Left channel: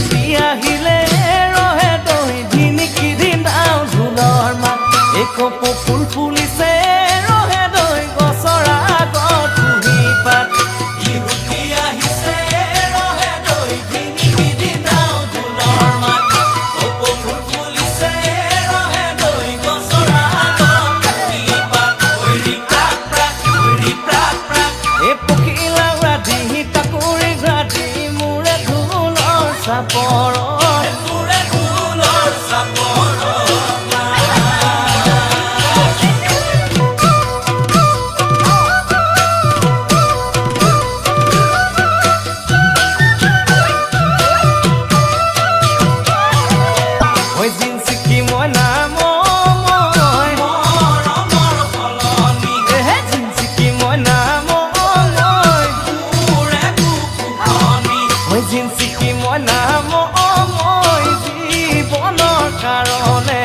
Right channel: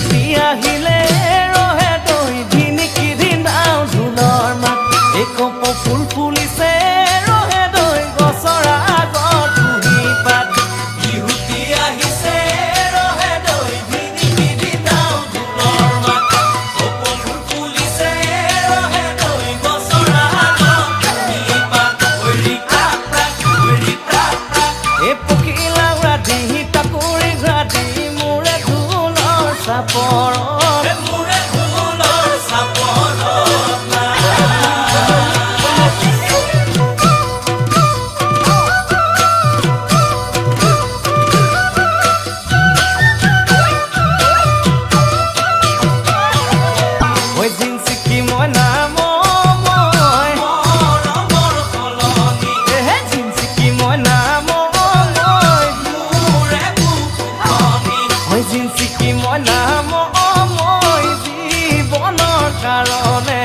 বিহুতি আহিলে ৰহে দৈ ধিনিকি ধিনাও ঢোলৰ মাত একপ ফুল ফুলিছে ৰহে দৈ গছৰ আগত কুহি পাত বিহুতি আহিছে ৰহে দৈ ধিনিকি ধিনাও ঢোলৰ মাত একপ ফুল ফুলিছে ৰহে দৈ গছৰ আগত কুহি পাত ওৰি প্ৰাপ্ৰা এ পকিলা ৰাধি তাকুৰি ঘাটি মোৰে ঢোলৰ চাপৰত মোৰে ঢোলৰ চাপৰত ঐ জিনচিকি মইনা মই এহে জিনচিকি মইনা জিনচিকি মইনা মই জীৱনৰ কাৰণে